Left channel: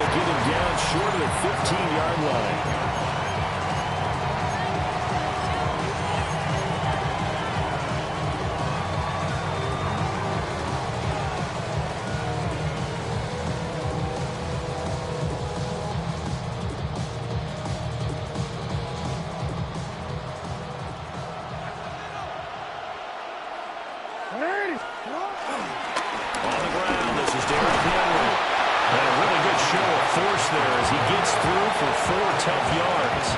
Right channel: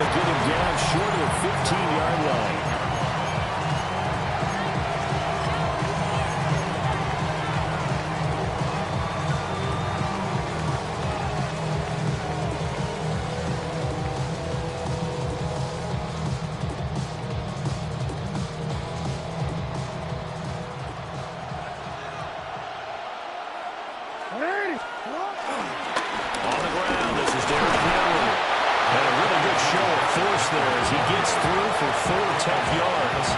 Get him down short of the 15-yard line. There as he gets through for 4 tough yards.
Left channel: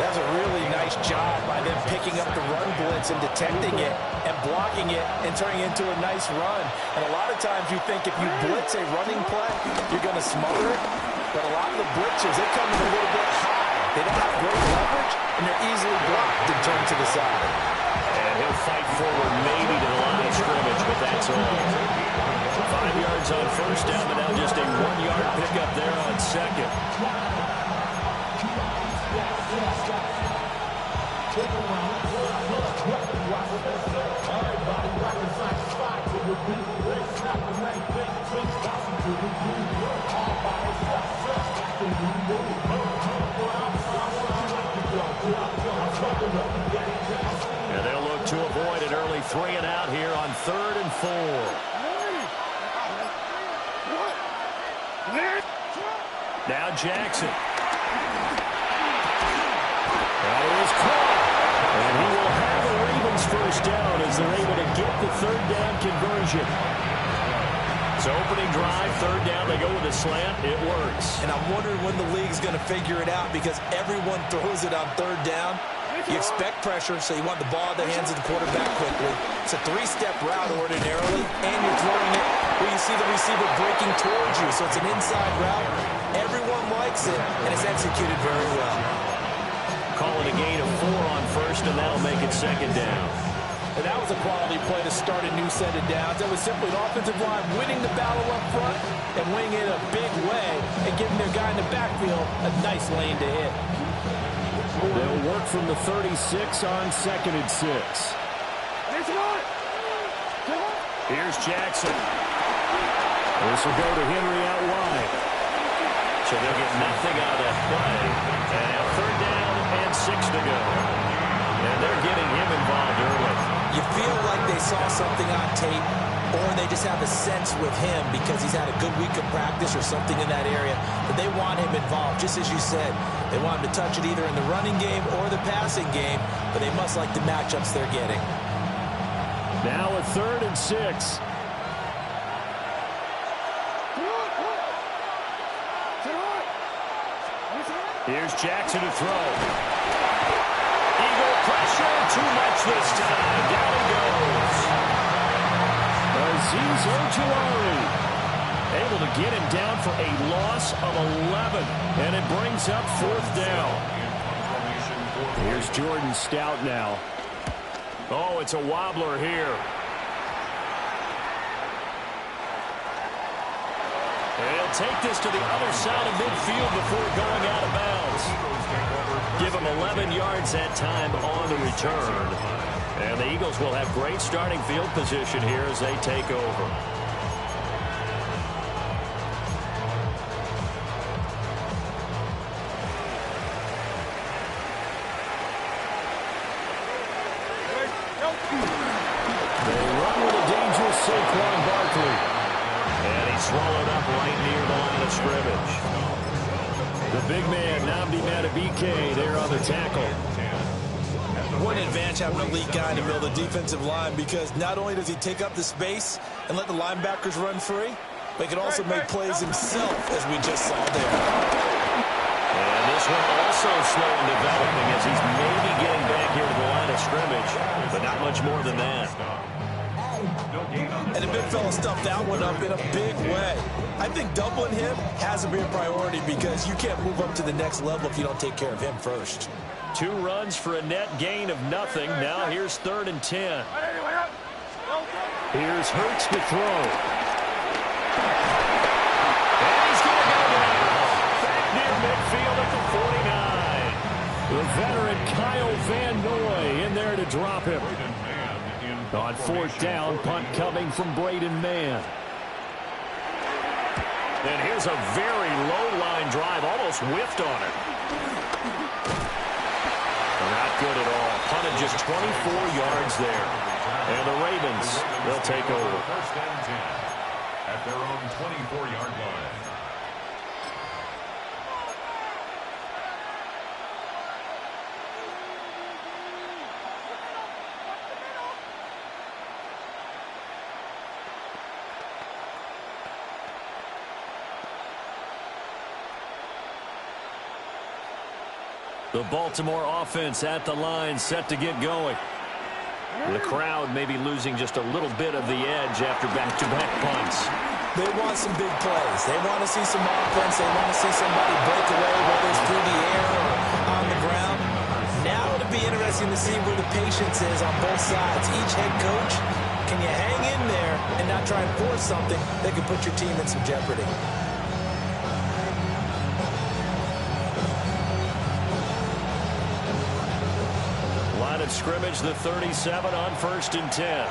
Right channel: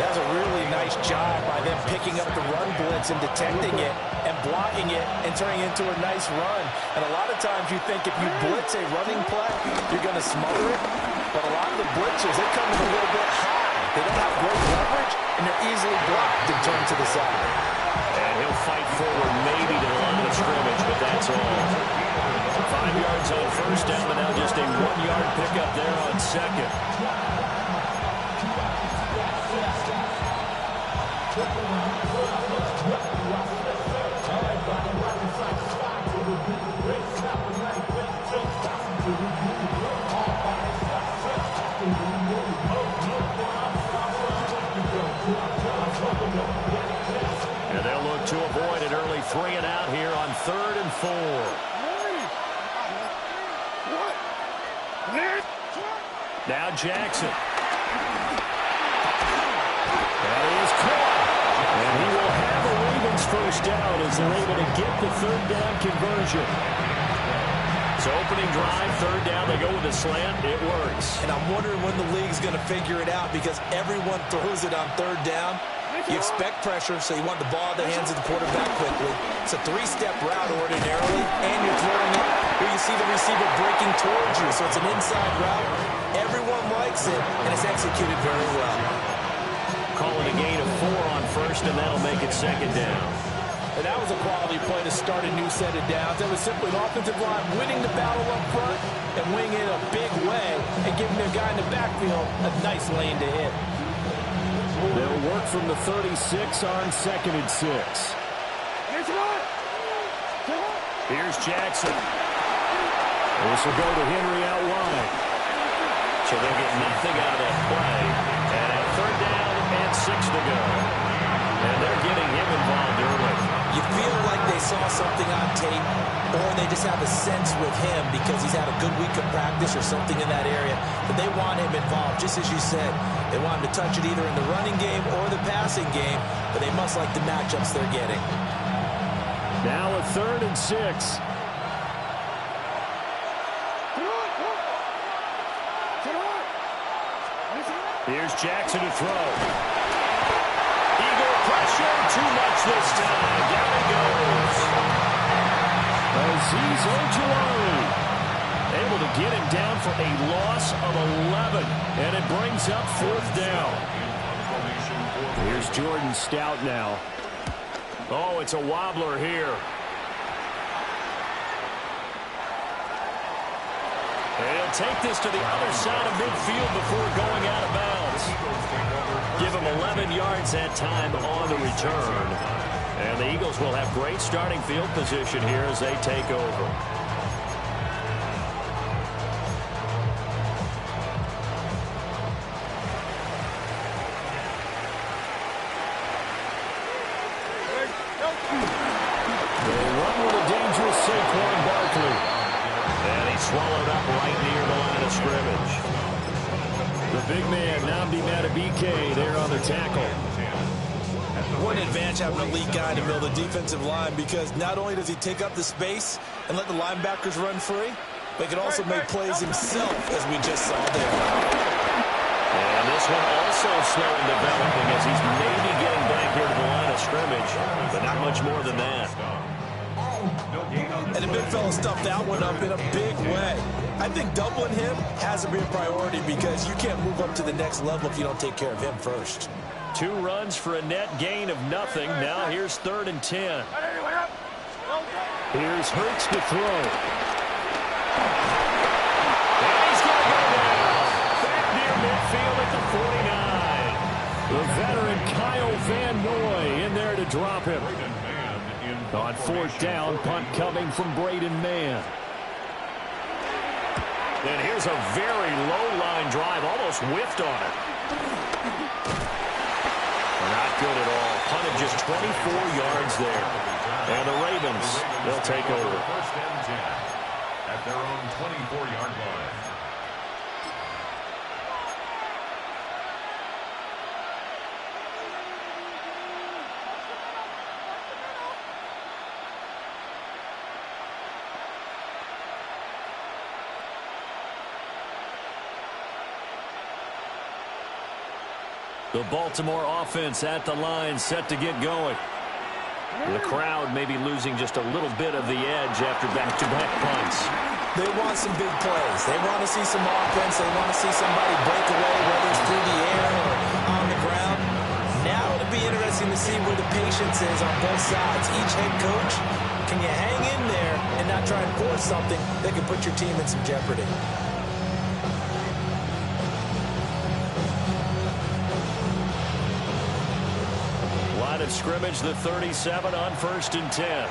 That's a really nice job by them picking up the run blitz and detecting it and blocking it and turning it into a nice run. And a lot of times you think if you blitz a running play, you're going to smother it. But a lot of the blitzers, they come in a little bit high. They don't have great leverage, and they're easily blocked and turned to the side. And he'll fight forward maybe to the line of scrimmage, but that's all. 5 yards on first down, but now just a 1-yard pickup there on second. And they'll look to avoid an early 3 and out here on 3rd and 4. Now Jackson. That is caught. And he will have a Ravens first down as they're able to get the 3rd down conversion. So opening drive, 3rd down, they go with a slant. It works. And I'm wondering when the league's going to figure it out because everyone throws it on 3rd down. You expect pressure, so you want the ball in the hands of the quarterback quickly. It's a 3-step route ordinarily, and you're throwing it where you see the receiver breaking towards you. So it's an inside route. Everyone likes it, and it's executed very well. Calling a gain of 4 on first, and that'll make it 2nd down. And that was a quality play to start a new set of downs. That was simply an offensive line winning the battle up front and winning it a big way and giving their guy in the backfield a nice lane to hit. They'll work from the 36 on 2nd and 6. Here's Jackson. This will go to Henry out wide. So they'll get nothing out of that play. And now 3rd down and 6 to go. And they're getting him involved early. You feel like they saw something on tape, or they just have a sense with him because he's had a good week of practice or something in that area that they want him involved. Just as you said, they want him to touch it either in the running game or the passing game, but they must like the matchups they're getting. Now a 3rd and 6. Here's Jackson to throw. Eagle pressure, too much this time. Down he goes. Azeez Ojulari able to get him down for a loss of 11. And it brings up 4th down. Here's Jordan Stout now. Oh, it's a wobbler here. And he'll take this to the other side of midfield before going out of bounds. Give him 11 yards that time on the return. And the Eagles will have great starting field position here as they take over. They run with a dangerous Saquon Barkley. And he's swallowed up right near the line of scrimmage. The big man, Nnamdi Madubuike, there on the tackle. What an advantage having an elite guy in the middle of the defensive line, because not only does he take up the space and let the linebackers run free, but he can also make plays himself, as we just saw there. And this one also slow in developing as he's maybe getting back here to the line of scrimmage, but not much more than that. And the big fella stuffed that one up in a big way. I think doubling him has to be a priority because you can't move up to the next level if you don't take care of him first. 2 runs for a net gain of nothing. Now here's 3rd and 10. Here's Hurts to throw. And he's going to go down. Back near midfield at the 49. The veteran Kyle Van Noy in there to drop him. On 4th down, punt coming from Braden Mann. And here's a very low-line drive, almost whiffed on it. Not good at all. Punted just 24 yards there. And the Ravens, they'll take over. First and 10 at their own 24-yard line. The Baltimore offense at the line, set to get going. The crowd may be losing just a little bit of the edge after back-to-back punts. They want some big plays. They want to see some offense. They want to see somebody break away, whether it's through the air or on the ground. Now it'll be interesting to see where the patience is on both sides. Each head coach, can you hang in there and not try and force something that could put your team in some jeopardy? Line of scrimmage, the 37 on 1st and 10.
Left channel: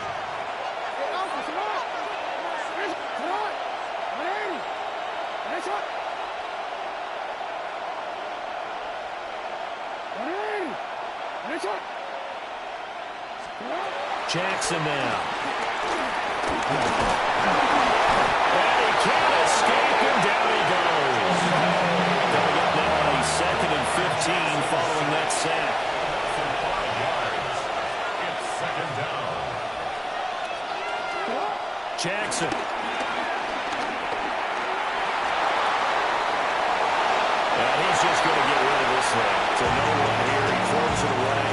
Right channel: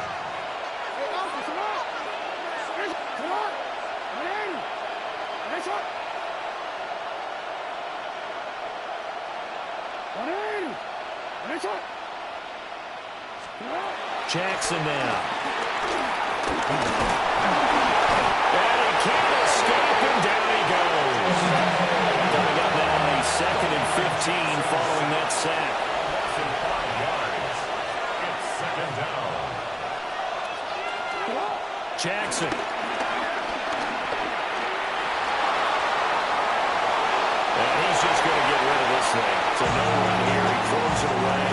Jackson now. And he can't escape, and down he goes. Coming up now on a 2nd and 15 following that sack. 5 yards. It's 2nd down. Jackson. And he's just going to get rid of this thing. It's a no-run here. He throws it away,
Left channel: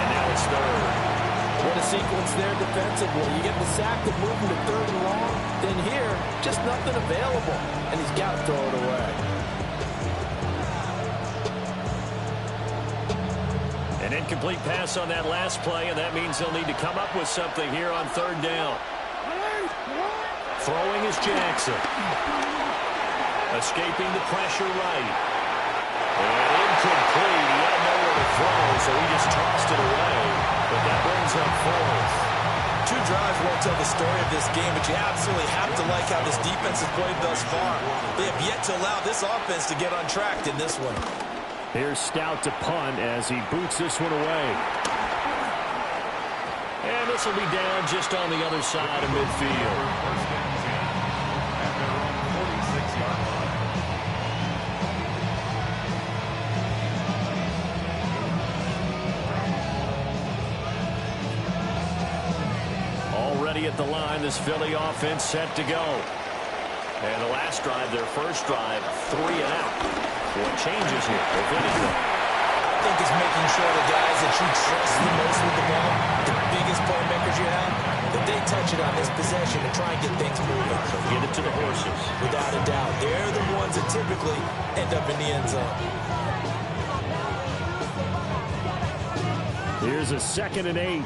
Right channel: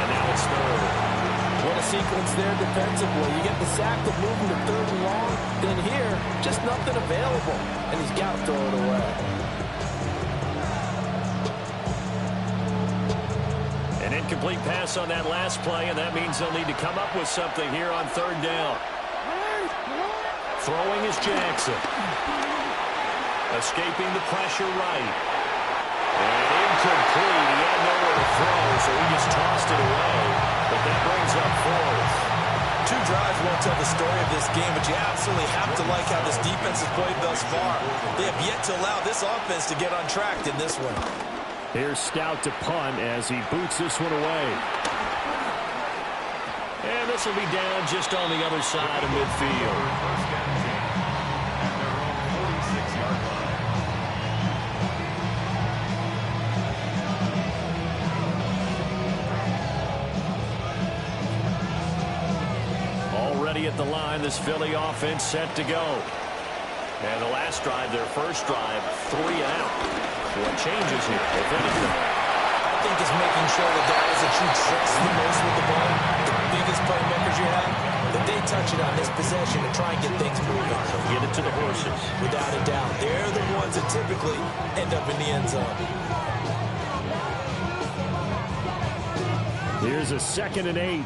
and now it's 3rd. What a sequence there defensively. You get the sack to move him to 3rd and long. Then here, just nothing available. And he's got to throw it away. An incomplete pass on that last play, and that means they'll need to come up with something here on 3rd down. Throwing is Jackson. Escaping the pressure right. And incomplete. He had nowhere to throw, so he just tossed it away. But that brings up 4th. 2 drives won't tell the story of this game, but you absolutely have to like how this defense has played thus far. They have yet to allow this offense to get untracked in this one. Here's Stout to punt as he boots this one away. And this will be down just on the other side of midfield. 1st and 10 at their own 46-yard line. Already at the line, this Philly offense set to go. And the last drive, their first drive, 3 and out. What changes here, if anything? I think it's making sure the guys that you trust the most with the ball, the biggest playmakers you have, that they touch it on this possession to try and get things moving. So get it to the horses. Without a doubt. They're the ones that typically end up in the end zone. Here's a 2nd and 8.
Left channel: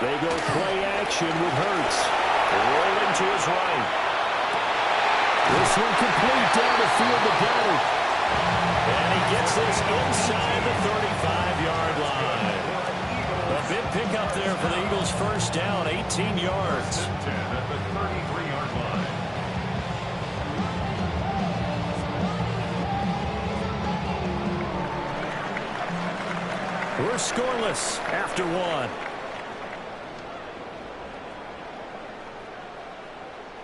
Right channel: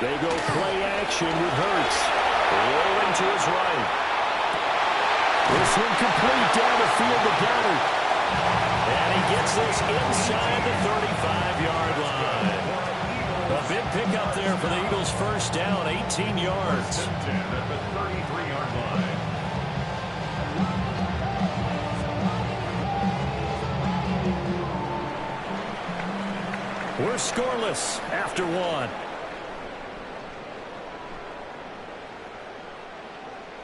They go play action with Hurts. Rolling to his right. This one complete down the field to Goddard. And he gets this inside the 35-yard line. A big pickup there for the Eagles' first down, 18 yards. 10 at the 33-yard line. We're scoreless after 1.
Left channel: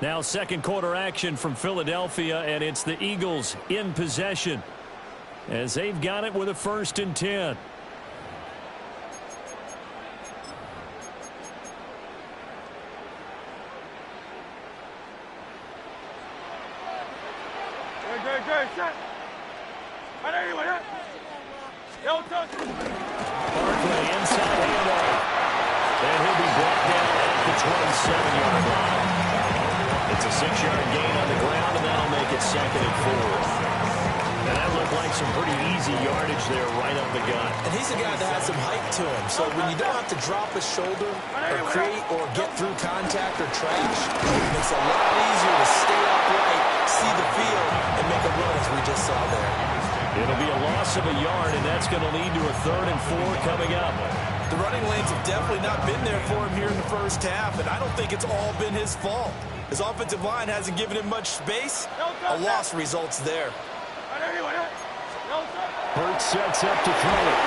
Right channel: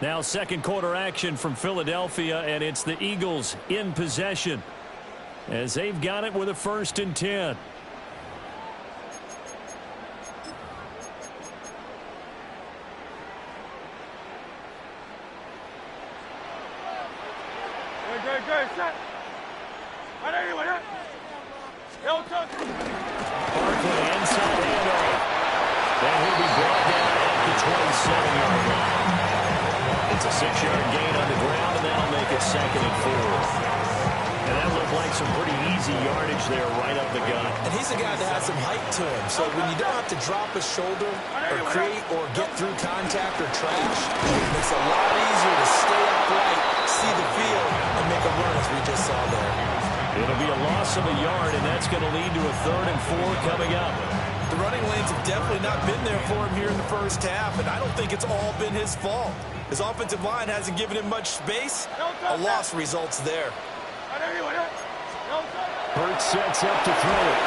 Now 2nd quarter action from Philadelphia, and it's the Eagles in possession as they've got it with a 1st and 10. Barkley inside handoff. Then he'll be brought down at the 27-yard line. It's a 6-yard gain on the ground, and that'll make it 2nd and 4. And that looked like some pretty easy yardage there right up the gut. And he's a guy that has some height to him. So when you don't have to drop a shoulder or create or get through contact or trash, it makes it a lot easier to stay upright, see the field, and make a run as we just saw there. It'll be a loss of a yard, and that's going to lead to a 3rd and 4 coming up. The running lanes have definitely not been there for him here in the first half, and I don't think it's all been his fault. His offensive line hasn't given him much space. A loss results there. Burt sets up to throw it.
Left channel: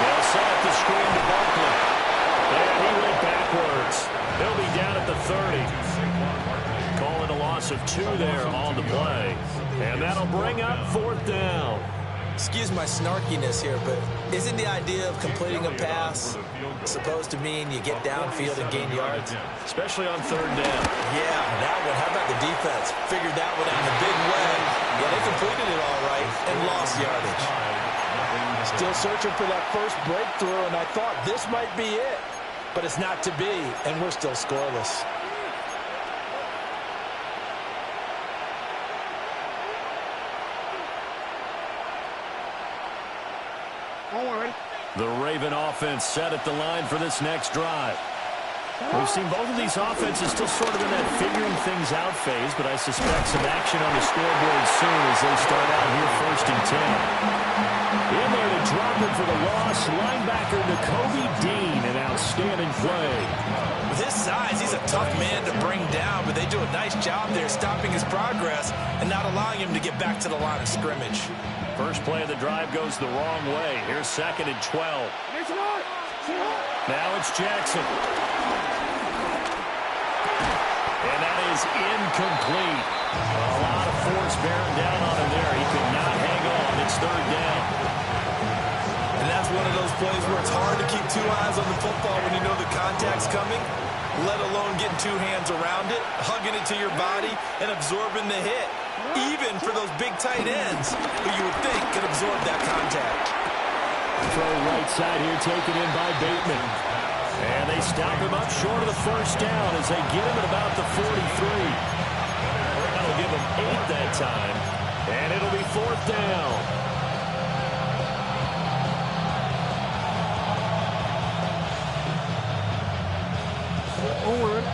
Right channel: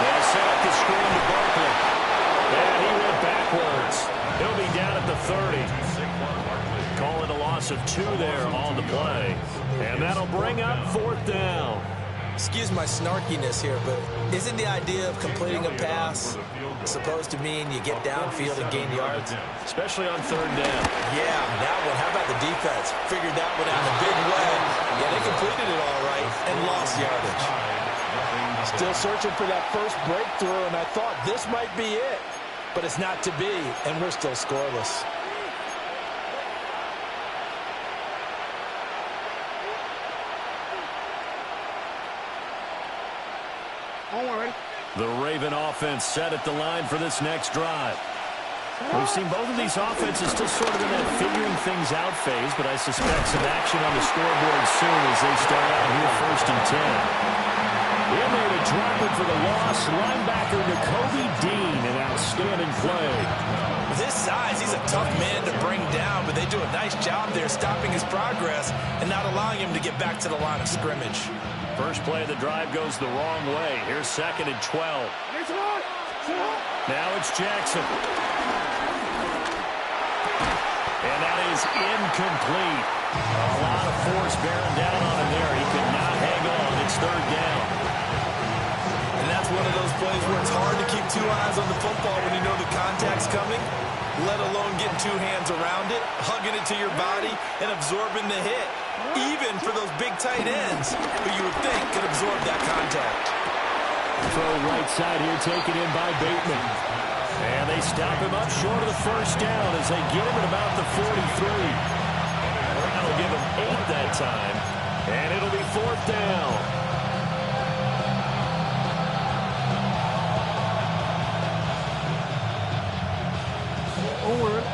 They'll set up the screen to Barkley. And he went backwards. He'll be down at the 30. Call it a loss of 2 there on the play. And that'll bring up 4th down. Excuse my snarkiness here, but isn't the idea of completing a pass supposed to mean you get downfield and gain yards? Especially on 3rd down. Yeah, that one. How about the defense? Figured that one out in a big way. Yeah, they completed it all right and lost yardage. Still searching for that first breakthrough, and I thought this might be it. But it's not to be, and we're still scoreless. The Raven offense set at the line for this next drive. We've seen both of these offenses still sort of in that figuring things out phase, but I suspect some action on the scoreboard soon as they start out here 1st and 10. In there to drop it for the loss, linebacker Nakobe Dean, an outstanding play. With his size, he's a tough man to bring down, but they do a nice job there stopping his progress and not allowing him to get back to the line of scrimmage. First play of the drive goes the wrong way. Here's 2nd and 12. Now it's Jackson. And that is incomplete. A lot of force bearing down on him there. He could not hang on. It's 3rd down. And that's one of those plays where it's hard to keep 2 eyes on the football when you know the contact's coming, let alone getting 2 hands around it, hugging it to your body, and absorbing the hit. Even for those big tight ends who you would think could absorb that contact. Throw right side here taken in by Bateman. And they stop him up short of the 1st down as they get him at about the 43. That'll give him 8 that time. And it'll be 4th down. Forward.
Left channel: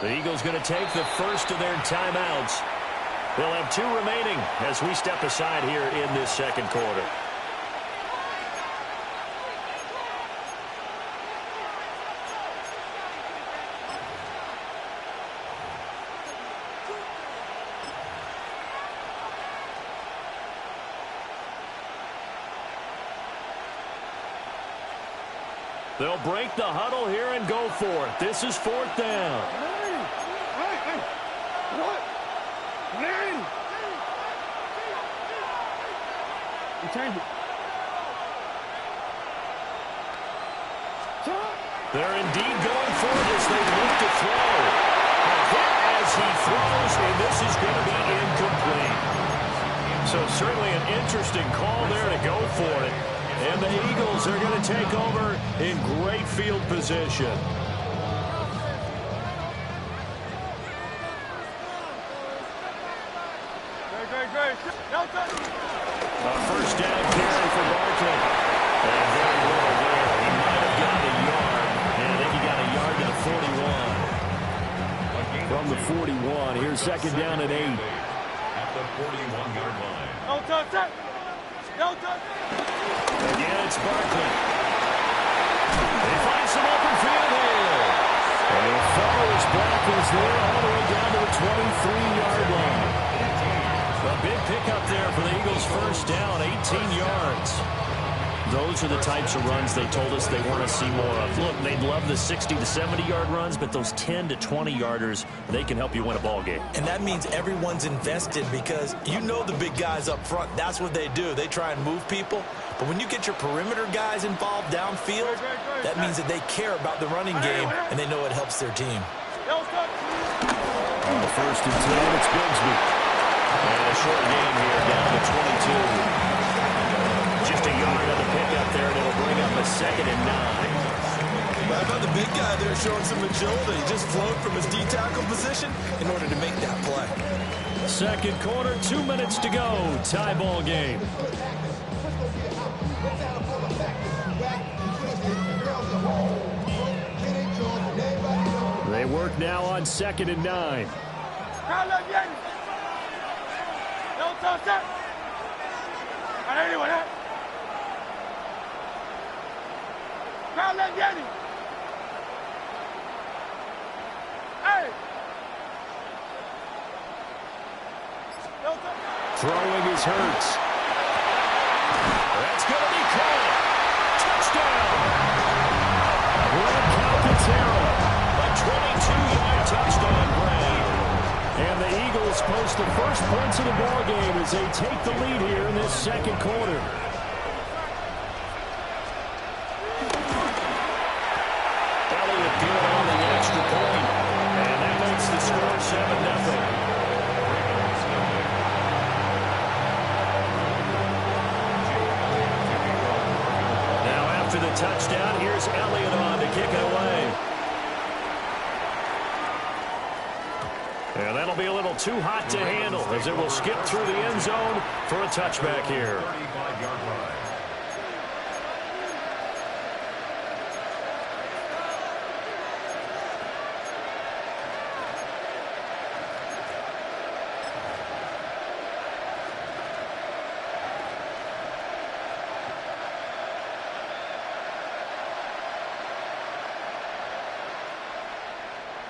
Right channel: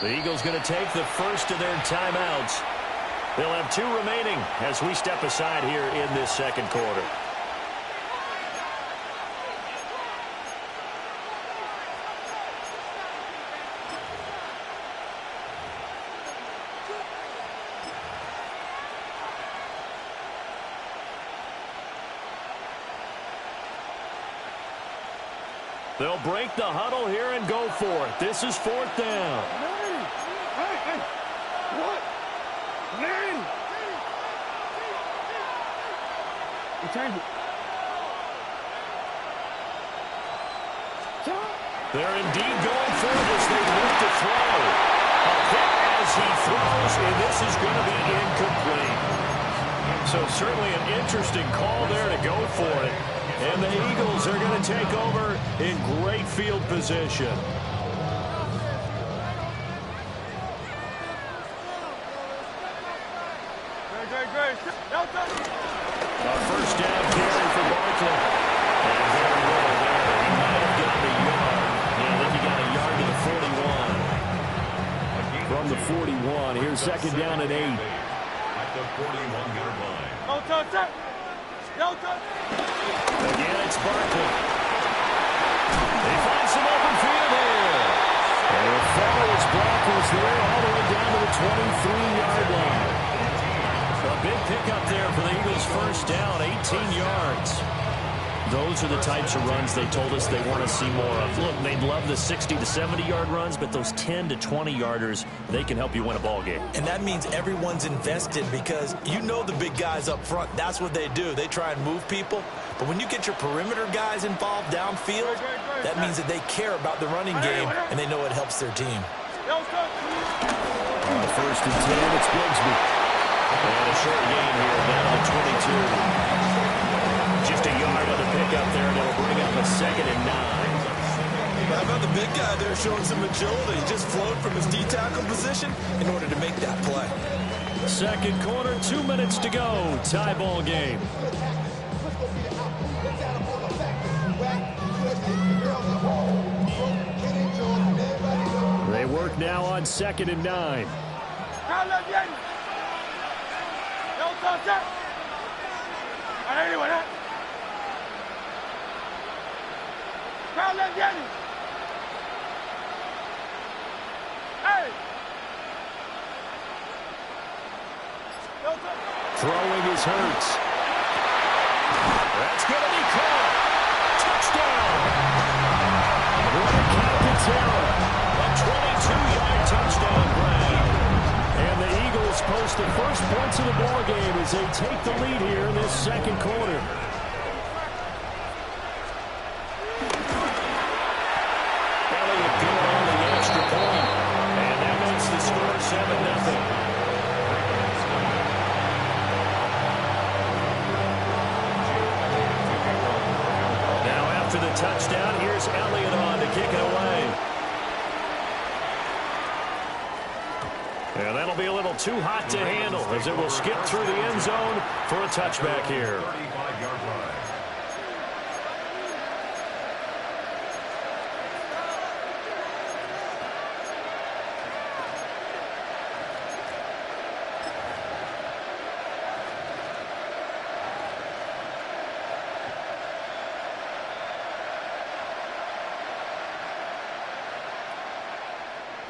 The Eagles going to take the first of their timeouts. They'll have 2 remaining as we step aside here in this 2nd quarter. They'll break the huddle here and go for it. This is 4th down. They're indeed going for it as they look to throw. A hit as he throws, and this is going to be incomplete. So certainly an interesting call there to go for it. And the Eagles are going to take over in great field position. A 1st down carry for Barkley. And very little there. He might have gotten a yard. And I think he got a yard to the 41. From the 41, here's 2nd down and 8. At the 41-yard line. Again, it's Barkley. They find some open field here. And he'll follow his blockers there all the way down to the 23-yard line. A big pickup there for the Eagles' 1st down, 18 yards. Those are the types of runs they told us they want to see more of. Look, they'd love the 60 to 70-yard runs, but those 10 to 20-yarders, they can help you win a ball game. And that means everyone's invested because you know the big guys up front. That's what they do. They try and move people. But when you get your perimeter guys involved downfield, that means that they care about the running game, and they know it helps their team. On the 1st and 10, it's Bigsby. And a short gain here down to 22. Just a yard on the pickup there, and it'll bring up a 2nd and 9. How about the big guy there showing some agility? He just flowed from his D-tackle position in order to make that play. Second quarter, 2 minutes to go. Tie ball game. They work now on 2nd and 9. Throwing is Hurts. That's going to be caught. Touchdown. What a count to Terra. A 22-yard touchdown grab. And the Eagles post the first points of the ball game as they take the lead here in this second quarter. Elliott good on the extra point. And that makes the score 7-0. After the touchdown, here's Elliott on to kick it away. And that'll be a little too hot to handle as it will skip through the end zone for a touchback here. 35-yard line.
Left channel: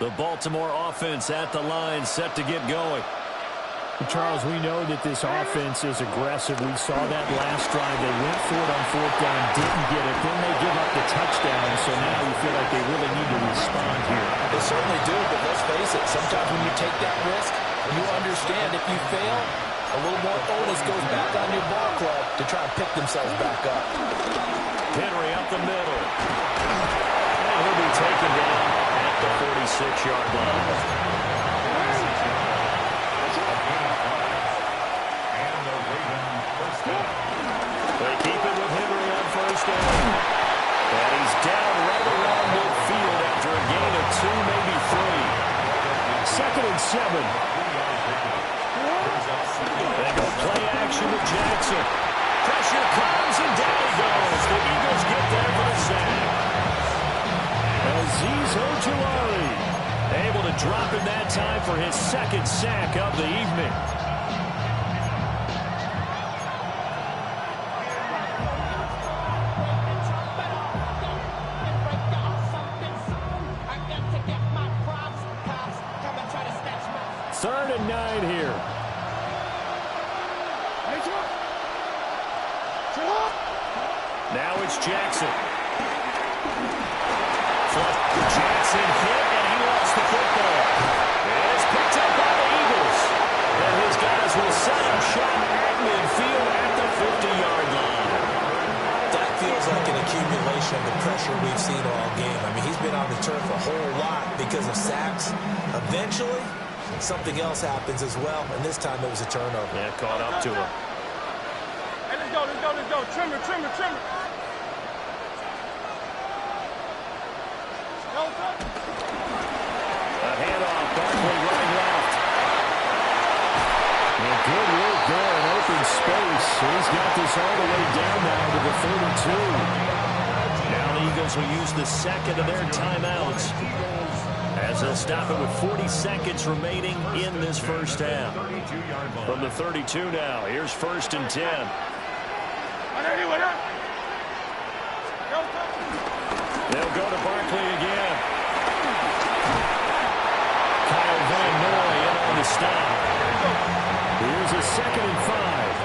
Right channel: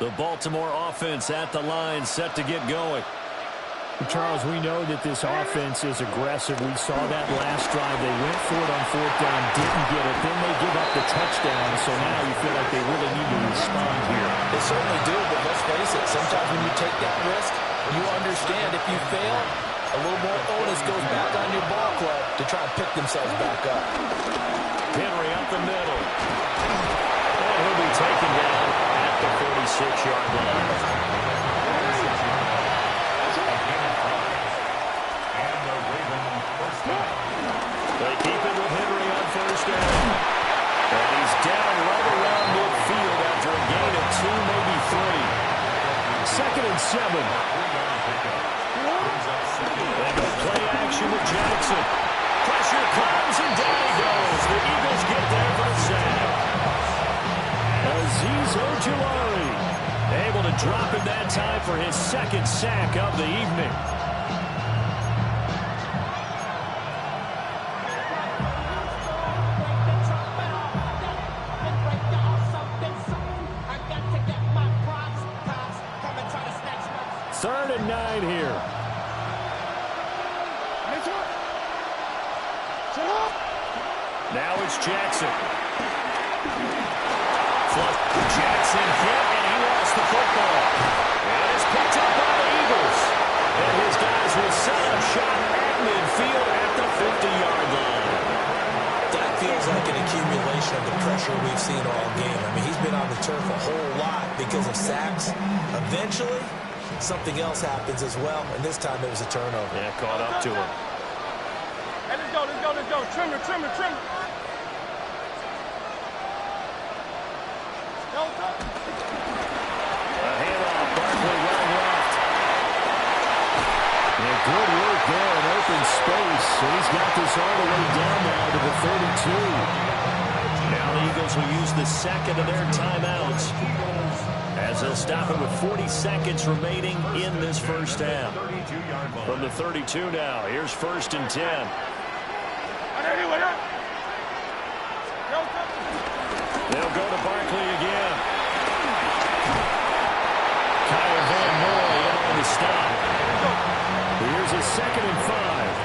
The Baltimore offense at the line, set to get going. Charles, we know that this offense is aggressive. We saw that last drive. They went for it on 4th down, didn't get it. Then they give up the touchdown, so now you feel like they really need to respond here. They certainly do, but let's face it, sometimes when you take that risk, you understand if you fail, a little more onus goes back on your ball club to try and pick themselves back up. Henry up the middle. And he'll be taken down at the 46-yard line. They keep it with Henry on 1st down. And he's down right around midfield after a gain of 2, maybe 3. 2nd and 7. They go play action with Jackson. Pressure comes and down he goes. The Eagles get there for the sack. Azeez Ojulari able to drop it that time for his 2nd sack of the evening. Third and 9 here. Now it's Jackson. Jackson hit, and he lost the football. It is picked up by the Eagles. And his guys will set up shop at midfield at the 50-yard line. That feels like an accumulation of the pressure we've seen all game. I mean, he's been on the turf a whole lot because of sacks. Eventually, something else happens as well, and this time it was a turnover. Yeah, caught up to him. Hey, let's go, let's go, let's go. Trimmer, trimmer, trimmer. A handoff, Barkley running left. And good work there in open space. And he's got this all the way down now to the 32. Now the Eagles will use the 2nd of their timeouts as they'll stop it with 40 seconds remaining in this first half. From the 32 now, here's 1st and 10. They'll go to Barkley again. Kyle Van Noy in on the stop. Here's a 2nd and 5.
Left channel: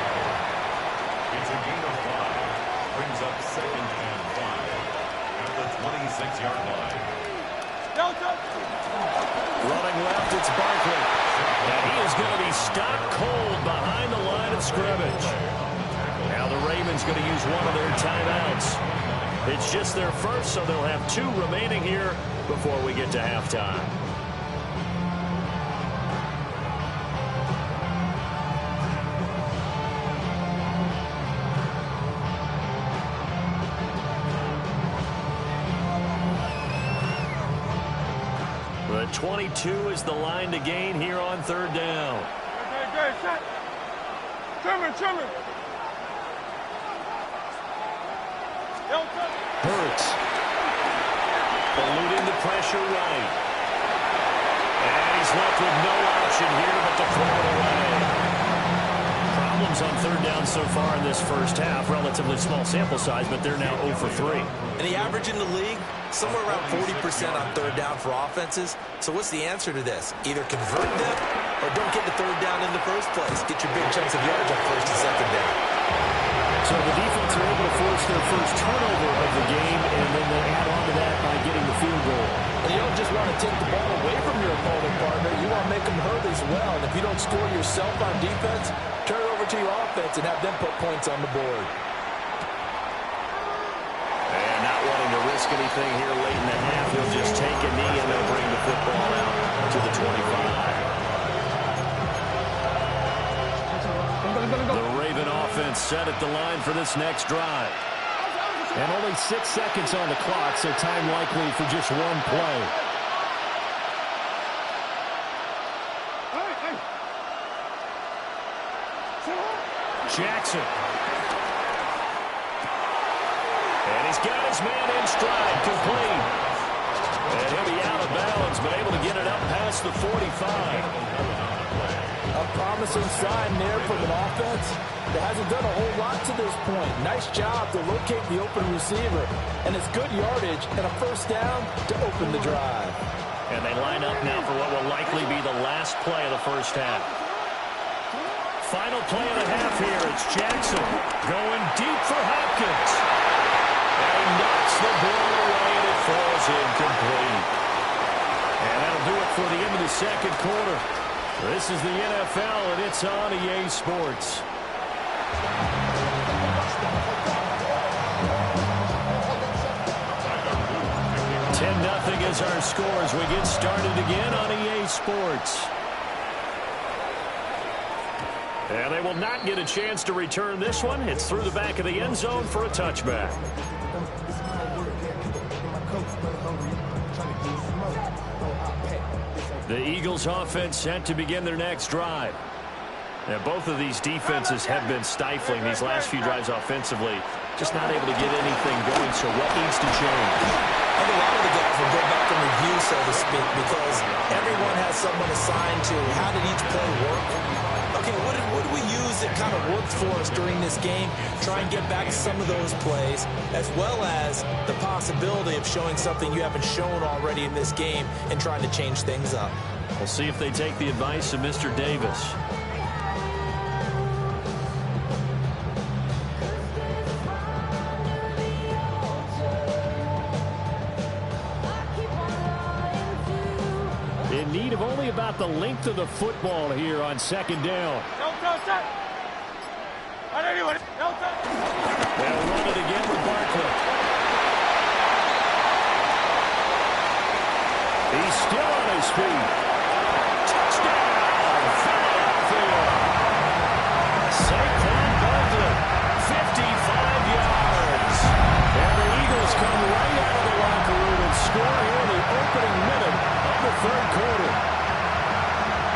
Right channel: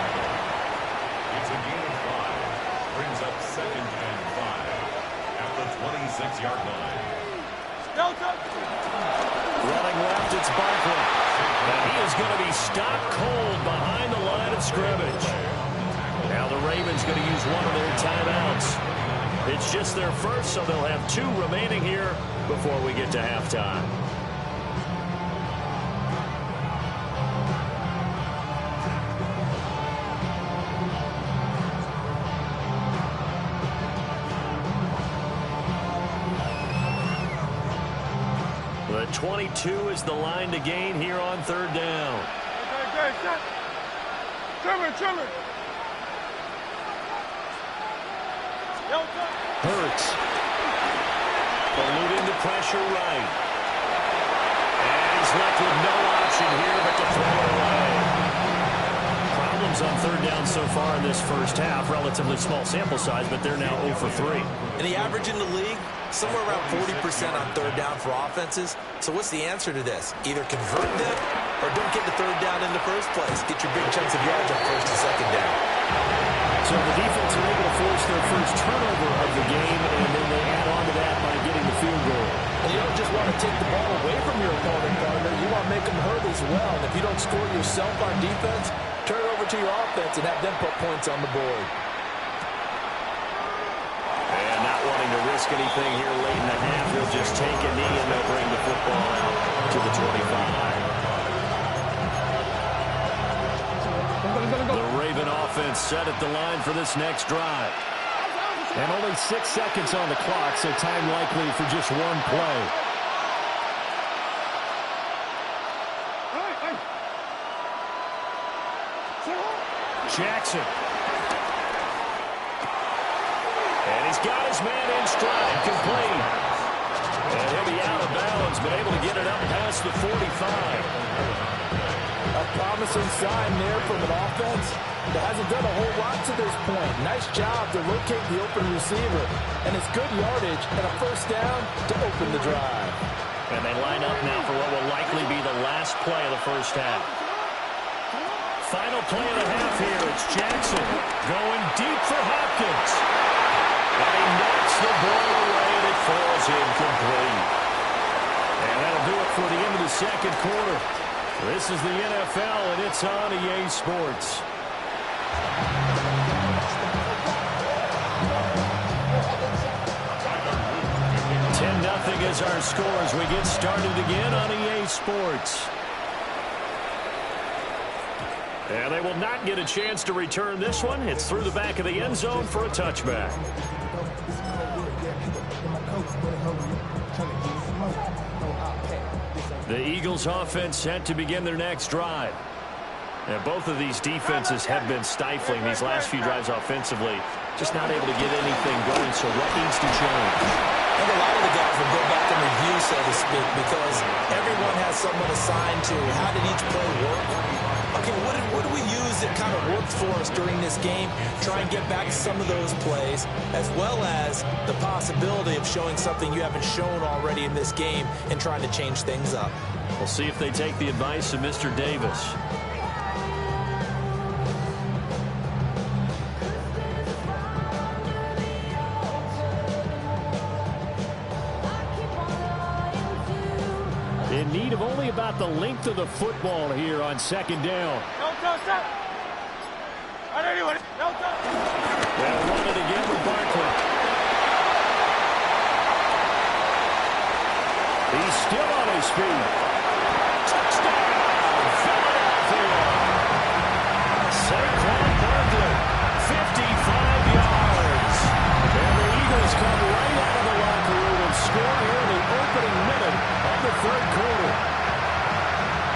It's a gain of 5. Brings up 2nd and 5 at the 26-yard line. Running left, it's Barkley. And he is going to be stopped cold behind the line of scrimmage. Now the Ravens going to use one of their timeouts. It's just their first, so they'll have 2 remaining here before we get to halftime. The 22 is the line to gain here on 3rd down. Okay, set. Trimmer, trimmer. Hurts. Eluding the pressure right. And he's left with no option here but to throw it away. Problems on third down so far in this first half. Relatively small sample size, but they're now 0 for 3. And the average in the league, somewhere around 40% on third down for offenses. So what's the answer to this? Either convert them or don't get the third down in the first place. Get your big chunks of yards on first and second down. So the defense are able to force their first turnover of the game, and then they add on to that by getting the field goal. And you don't just want to take the ball away from your opponent, partner. You want to make them hurt as well. And if you don't score yourself on defense, turn it over to your offense and have them put points on the board. And not wanting to risk anything here late in the half, he'll just take a knee and they'll bring the football out to the 25. The Raven offense set at the line for this next drive. And only 6 seconds on the clock, so time likely for just one play. Jackson. And he's got his man in stride, complete. And he'll be out of bounds, but able to get it up past the 45. A promising sign there from an offense that hasn't done a whole lot to this point. Nice job to locate the open receiver. And it's good yardage and a first down to open the drive. And they line up now for what will likely be the last play of the first half. Final play of the half here. It's Jackson going deep for Hopkins. And he knocks the ball away, and it falls incomplete. And that'll do it for the end of the second quarter. This is the NFL, and it's on EA Sports. 10-0 is our score as we get started again on EA Sports. And they will not get a chance to return this one. It's through the back of the end zone for a touchback. The Eagles offense set to begin their next drive. And both of these defenses have been stifling these last few drives offensively. Just not able to get anything going, so what needs to change? I think a lot of the guys will go back and review, so to speak, because everyone has someone assigned to how did each play work. Okay, what did we use that kind of worked for us during this game? Try and get back to some of those plays, as well as the possibility of showing something you haven't shown already in this game and trying to change things up. We'll see if they take the advice of Mr. Davis. In need of only about the length of the football here on second down. No touch that. I don't even. No touch. They'll run it again with Barkley. He's still on his feet. Touchdown, Philadelphia. Saquon Barkley, 55 yards. And the Eagles come right out of the locker room and score here in the opening minute of the third quarter.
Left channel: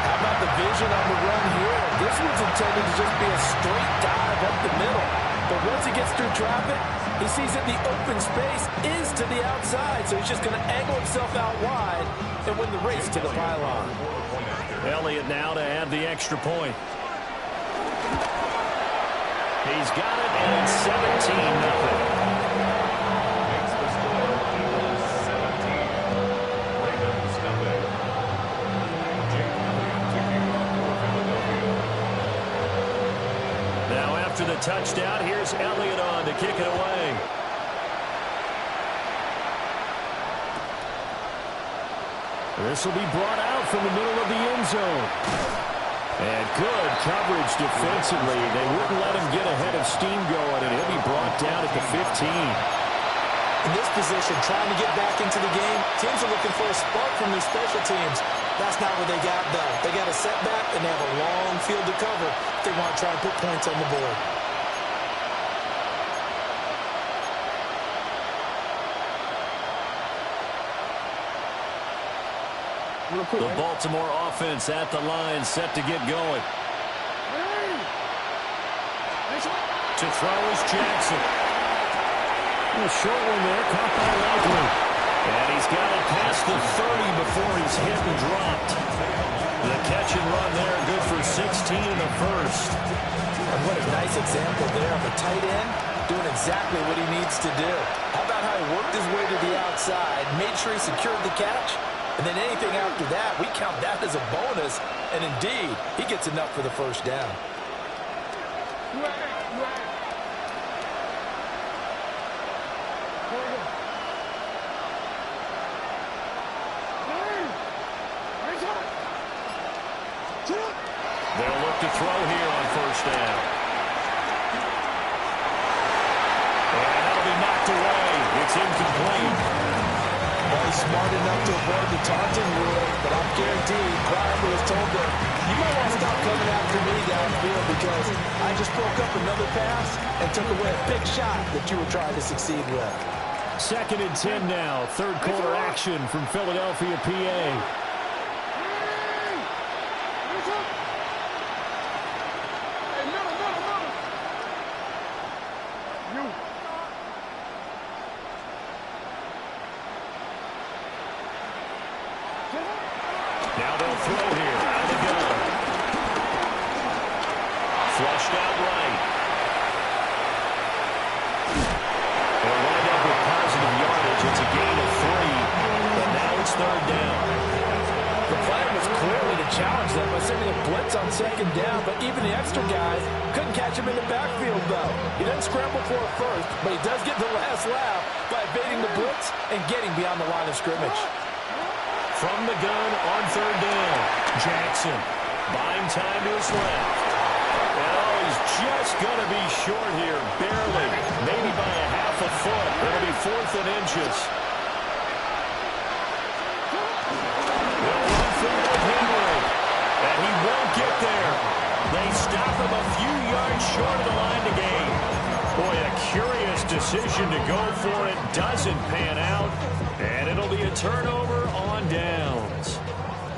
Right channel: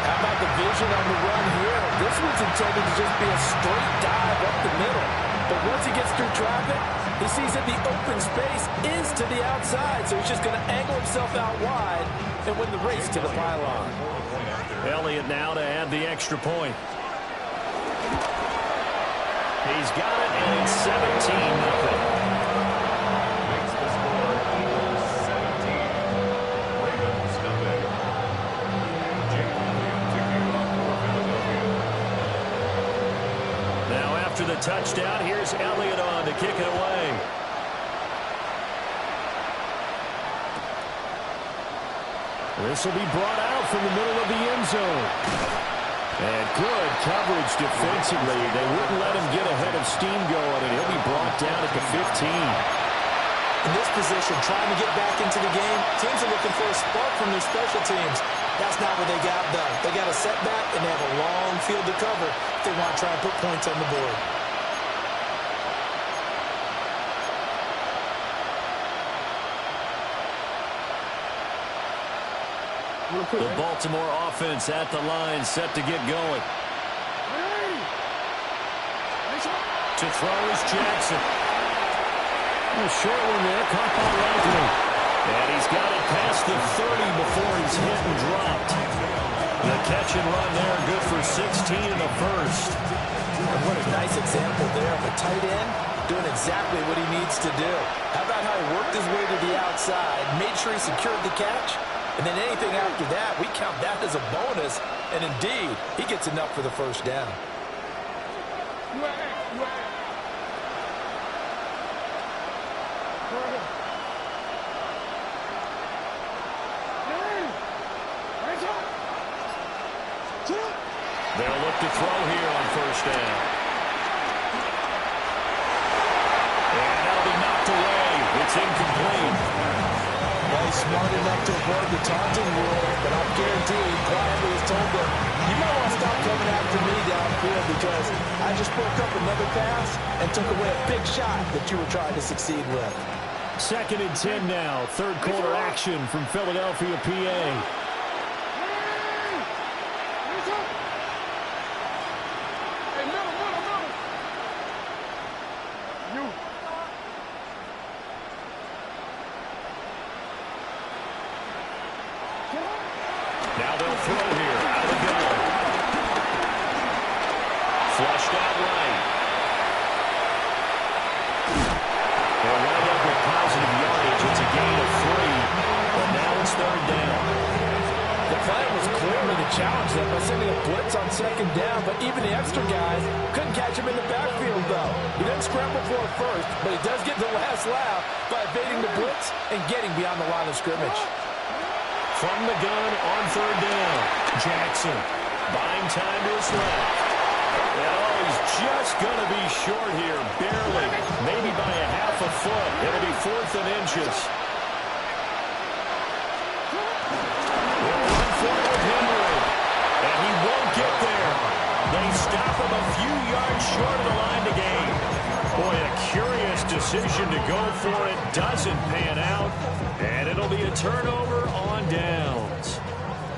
How about the vision on the run here? This one's intended to just be a straight dive up the middle. But once he gets through traffic, he sees that the open space is to the outside, so he's just going to angle himself out wide and win the race to the pylon. Elliott now to add the extra point. He's got it, and it's 17-0. After the touchdown, here's Elliott on to kick it away. This will be brought out from the middle of the end zone. And good coverage defensively. They wouldn't let him get ahead of steam going, and he'll be brought down at the 15. In this position, trying to get back into the game, teams are looking for a spark from their special teams. That's not what they got done. They got a setback, and they have a long field to cover if they want to try and put points on the board. The Baltimore offense at the line, set to get going. To throw is Jackson. A short one there, caught by Likely. And he's got it past the 30 before he's hit and dropped. The catch and run there, good for 16 and a first. And what a nice example there of a tight end doing exactly what he needs to do. How about how he worked his way to the outside, made sure he secured the catch, and then anything after that, we count that as a bonus. And indeed, he gets enough for the first down. They'll look to throw here on first down. And that'll be knocked away. It's incomplete. Well, he's smart enough to avoid the taunting rule, but I'm guaranteed quietly has told them, you might want to stop coming after me downfield because I just broke up another pass and took away a big shot that you were trying to succeed with. 2nd and 10 now. Third quarter action from Philadelphia, PA. Now they'll throw here out of the gun. Flushed out right. They'll wind up with positive yardage. It's a gain of 3, but now it's 3rd down. The plan was clearly to challenge them by sending a blitz on 2nd down, but even the extra guys couldn't catch him in the backfield, though. He doesn't scramble for it first, but he does get the last laugh by evading the blitz and getting beyond the line of scrimmage. From the gun on 3rd down. Jackson buying time to his left. And oh, he's just going to be short here, barely. Maybe by a half a foot. It'll be 4th and inches. They'll run for it with Henry. And he won't get there. They stop him a few yards short of the line to gain. Boy, a curious decision to go for it. Doesn't pan out. And it'll be a turnover on downs.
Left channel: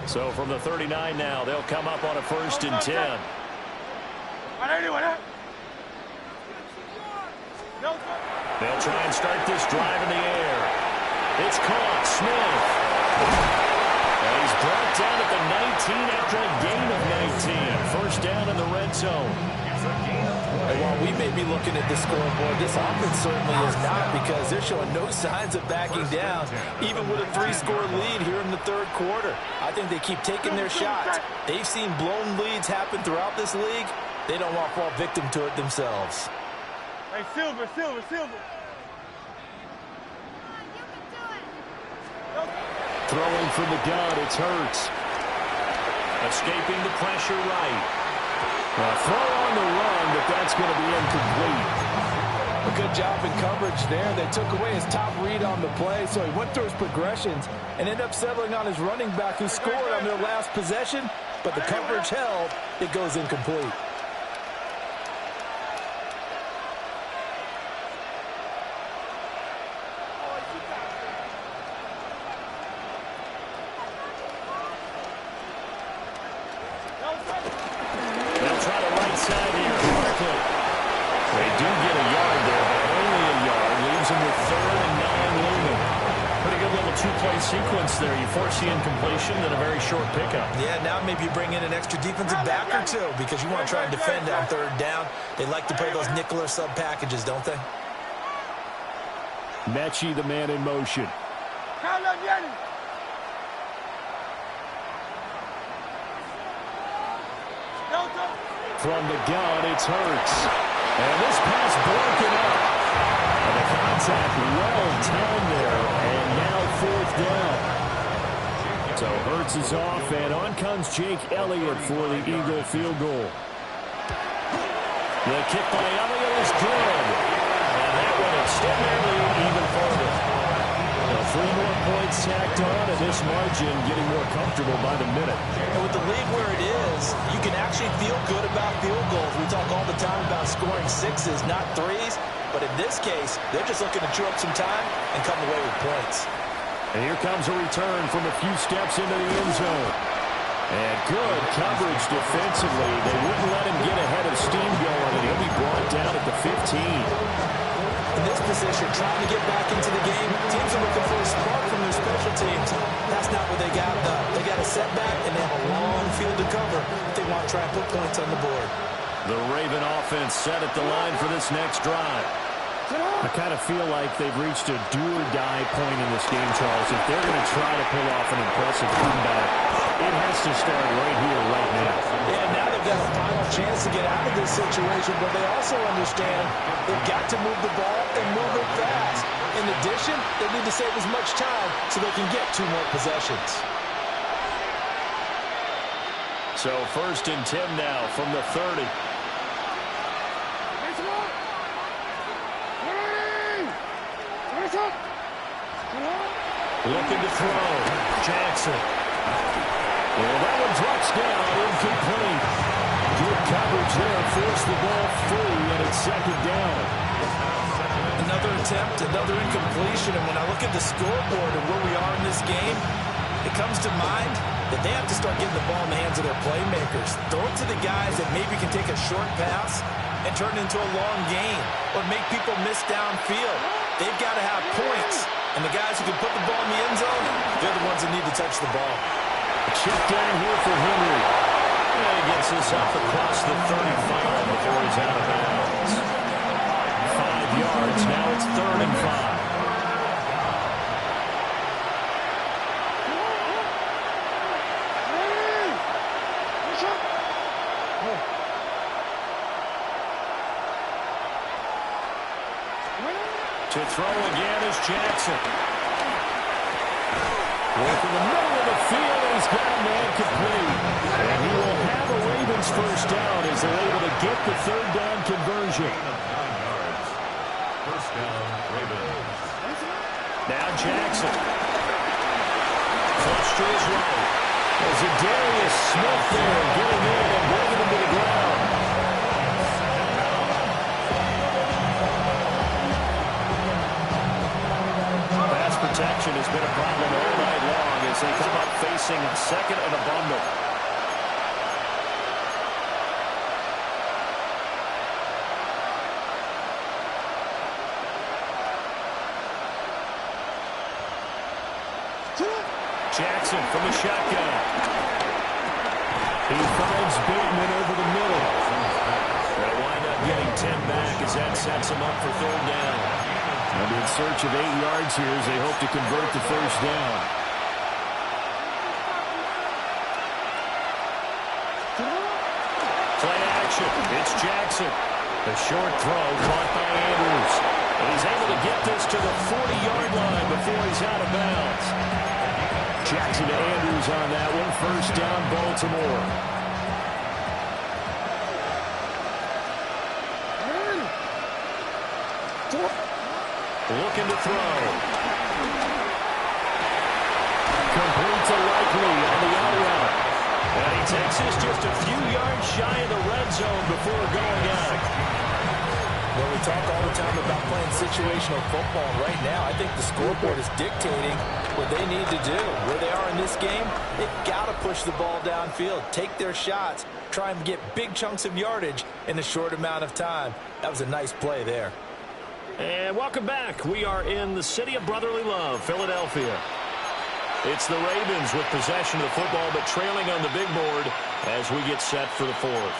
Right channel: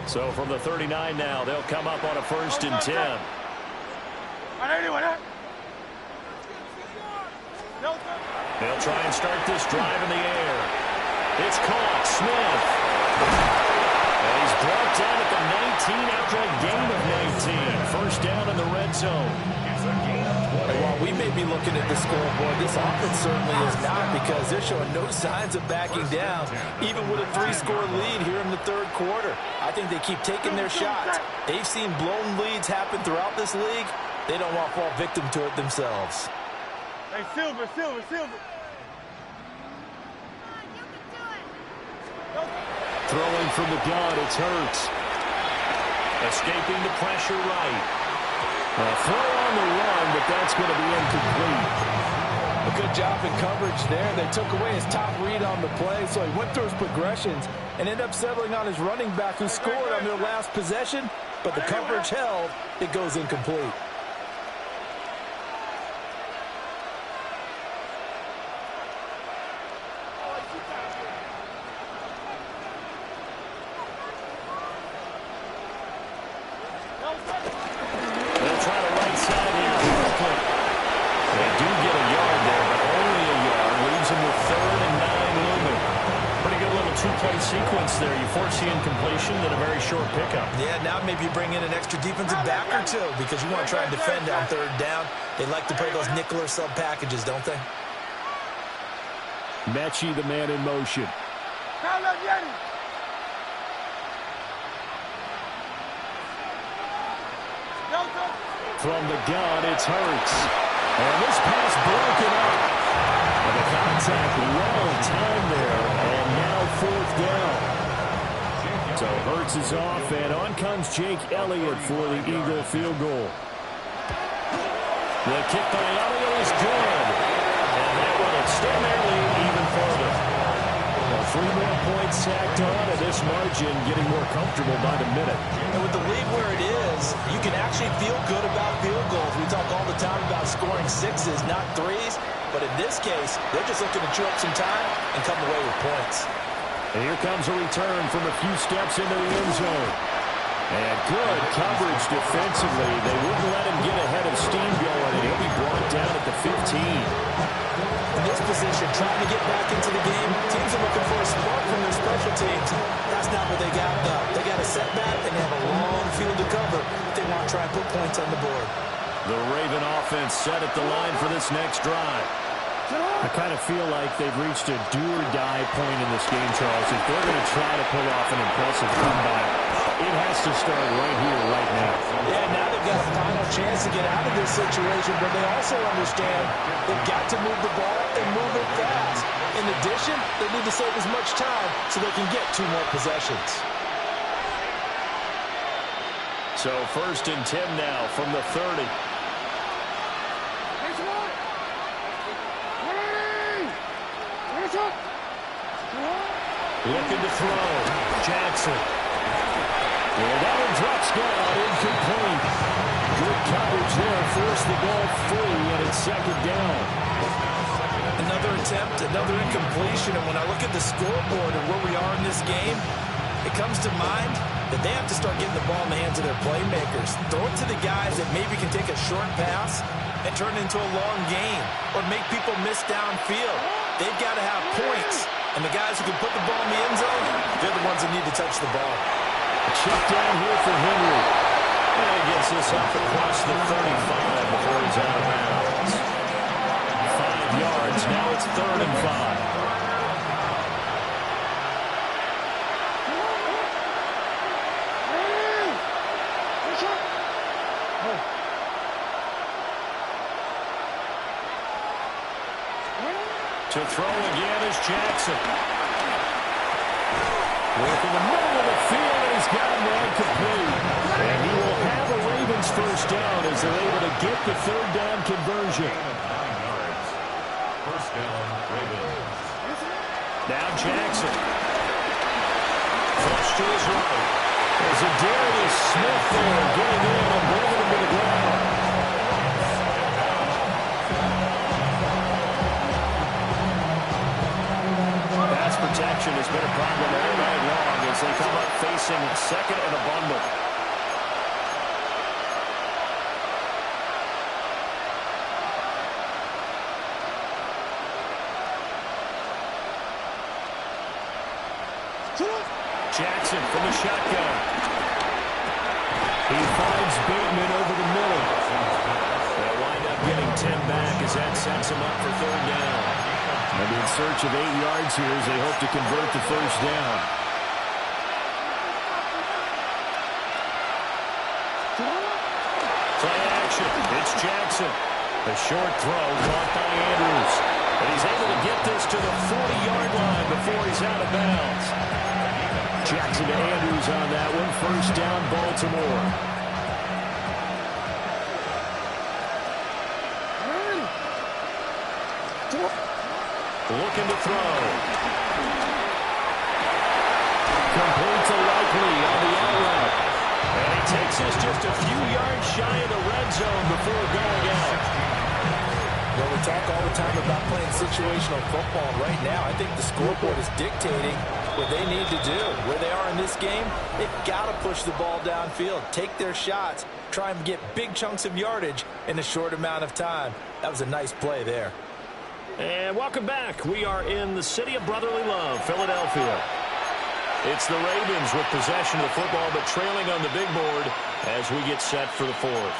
So from the 39 now, they'll come up on a 1st and 10. They'll try and start this drive in the air. It's caught. Smith. And he's brought down at the 19 after a gain of 19. First down in the red zone. And while we may be looking at the scoreboard, this offense certainly is not, because they're showing no signs of backing down, even with a 3-score lead here in the 3rd quarter. I think they keep taking their shots. They've seen blown leads happen throughout this league. They don't want to fall victim to it themselves. Hey, Silver. Throwing from the gun, it's Hurts. Escaping the pressure right. A throw on the run, but that's going to be incomplete. A good job in coverage there. They took away his top read on the play, so he went through his progressions and ended up settling on his running back, who scored on their last possession, but the coverage held. It goes incomplete. They'll try the right side here. Barkley. They do get a yard there, but only a yard. Leaves them with 3rd and 9 looming. Pretty good little 2-play sequence there. You force the incompletion, then a very short pickup. Yeah, now maybe you bring in an extra defensive back or two, because you want to try and defend on 3rd down. They like to play those nickel or sub packages, don't they? Mechie, the man in motion. From the gun, it's Hurts. And this pass broken up. And the contact well timed there. And now 4th down. So Hurts is off, and on comes Jake Elliott for the Eagle field goal. The kick by Elliott is good. And that will extend their lead even further. Well, 3 more points tacked on, and this margin getting more comfortable by the minute. And with the league where it is, you can actually feel good about field goals. We talk all the time about scoring 6s, not 3s. But in this case, they're just looking to chew up some time and come away with points. And here comes a return from a few steps into the end zone. And good coverage defensively. They wouldn't let him get ahead of steam going, and he'll be brought down at the 15. In this position, trying to get back into the game, teams are looking for a spark from their special teams. That's not what they got, though. They got a setback, and they have a long field to cover if they want to try and put points on the board. The Raven offense set at the line for this next drive. I kind of feel like they've reached a do-or-die point in this game, Charles. If they're going to try to pull off an impressive comeback, it has to start right here, right now. Yeah, now they've got a final chance to get out of this situation, but they also understand they've got to move the ball and move it fast. In addition, they need to save as much time so they can get 2 more possessions. So 1st and 10 now from the 30. Looking to throw. Jackson. And that one drops down, incomplete. Good coverage there, forced the ball free, and it's 2nd down. Another attempt, another incompletion, and when I look at the scoreboard and where we are in this game, it comes to mind that they have to start getting the ball in the hands of their playmakers. Throw it to the guys that maybe can take a short pass and turn it into a long gain or make people miss downfield. They've got to have points, and the guys who can put the ball in the end zone, they're the ones that need to touch the ball. Check down here for Henry. And he gets this up across the 35 before he's out of bounds. 5 yards. Now it's 3rd and 5. To throw again is Jackson. Work in the middle of the field, and he's got a man complete. And he will have a Ravens 1st down as they're able to get the 3rd down conversion. 9 yards. 1st down, Ravens. Now Jackson. Flush to his right. There's a Darius Smith there getting in and bringing him to the ground. Pass protection has been a problem all night long as they come up facing 2nd and a bundle. Jackson from the shotgun. He finds Bateman over the middle. They'll wind up getting 10 back as that sets him up for 3rd down. And in search of 8 yards here as they hope to convert the 1st down. Play action. It's Jackson. The short throw caught by Andrews. And he's able to get this to the 40-yard line before he's out of bounds. Jackson to Andrews on that one. 1st down, Baltimore. Looking to throw. Complete to Likely on the out route. And he takes this just a few yards shy of the red zone before going out. Well, we talk all the time about playing situational football. Right now, I think the scoreboard is dictating what they need to do. Where they are in this game, they've got to push the ball downfield, take their shots, try and get big chunks of yardage in a short amount of time. That was a nice play there. And welcome back. We are in the city of brotherly love, Philadelphia. It's the Ravens with possession of the football, but trailing on the big board as we get set for the 4th.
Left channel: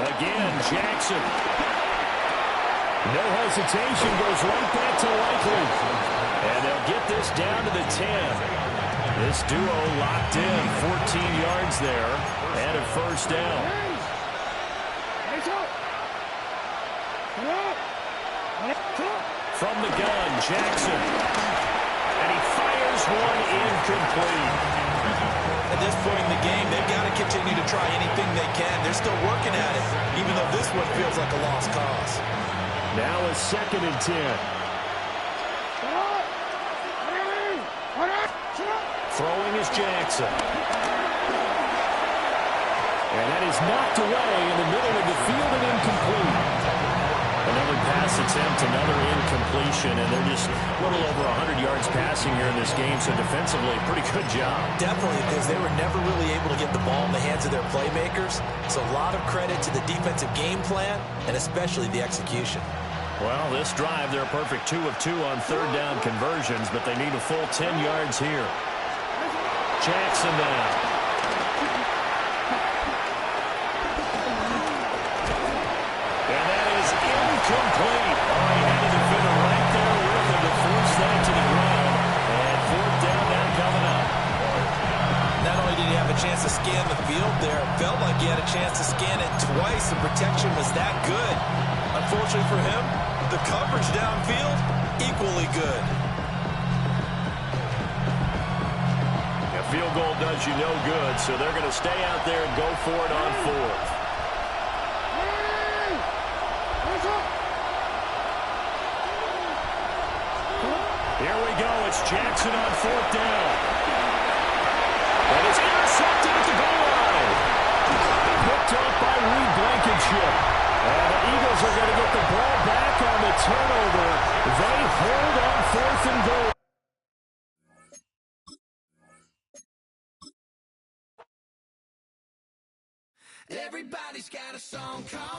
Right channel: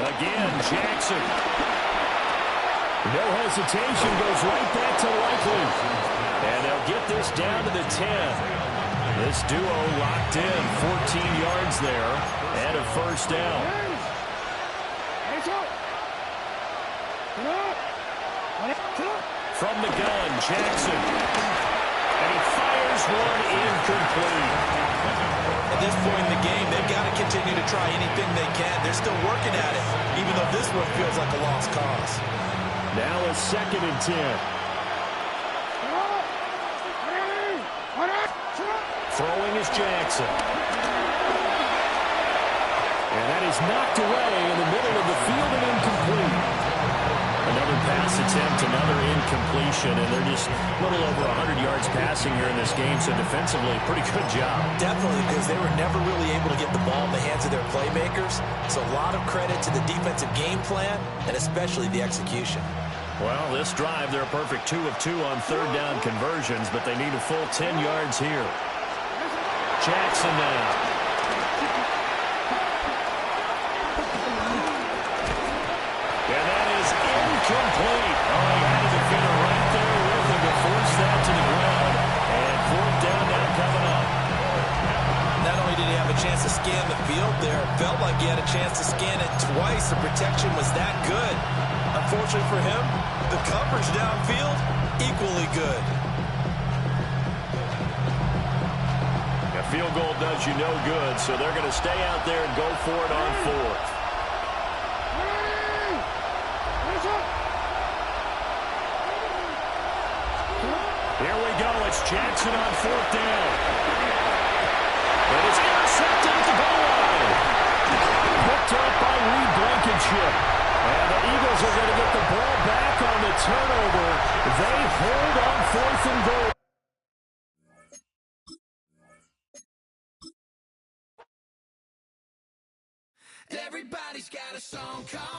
Again, Jackson. No hesitation, goes right back to Likely. And they'll get this down to the 10. This duo locked in, 14 yards there, and a 1st down. From the gun, Jackson. And he fires one incomplete. At this point in the game, they've got to continue to try anything they can. They're still working at it, even though this one feels like a lost cause. Now a 2nd and 10. Throwing is Jackson. And that is knocked away in the middle of the field and incomplete. Another pass attempt, another incompletion, and they're just a little over 100 yards passing here in this game, so defensively, pretty good job. Definitely, because they were never really able to get the ball in the hands of their playmakers, so a lot of credit to the defensive game plan, and especially the execution. Well, this drive, they're a perfect 2 of 2 on third down conversions, but they need a full 10 yards here. Jackson now. And that is incomplete. Oh, he had a defender right there with him to force that to the ground. And fourth down now coming up. Not only did he have a chance to scan the field there, it felt like he had a chance to scan it twice. The protection was that good. Unfortunately for him, the coverage downfield, equally good. A field goal does you no good, so they're going to stay out there and go for it on fourth. Here we go. It's Jackson on fourth down. And it's intercepted at the goal line. Picked up by Reed Blankenship. And the Eagles are going to get the ball back on the turnover. They hold on fourth and goal. Everybody's got a song called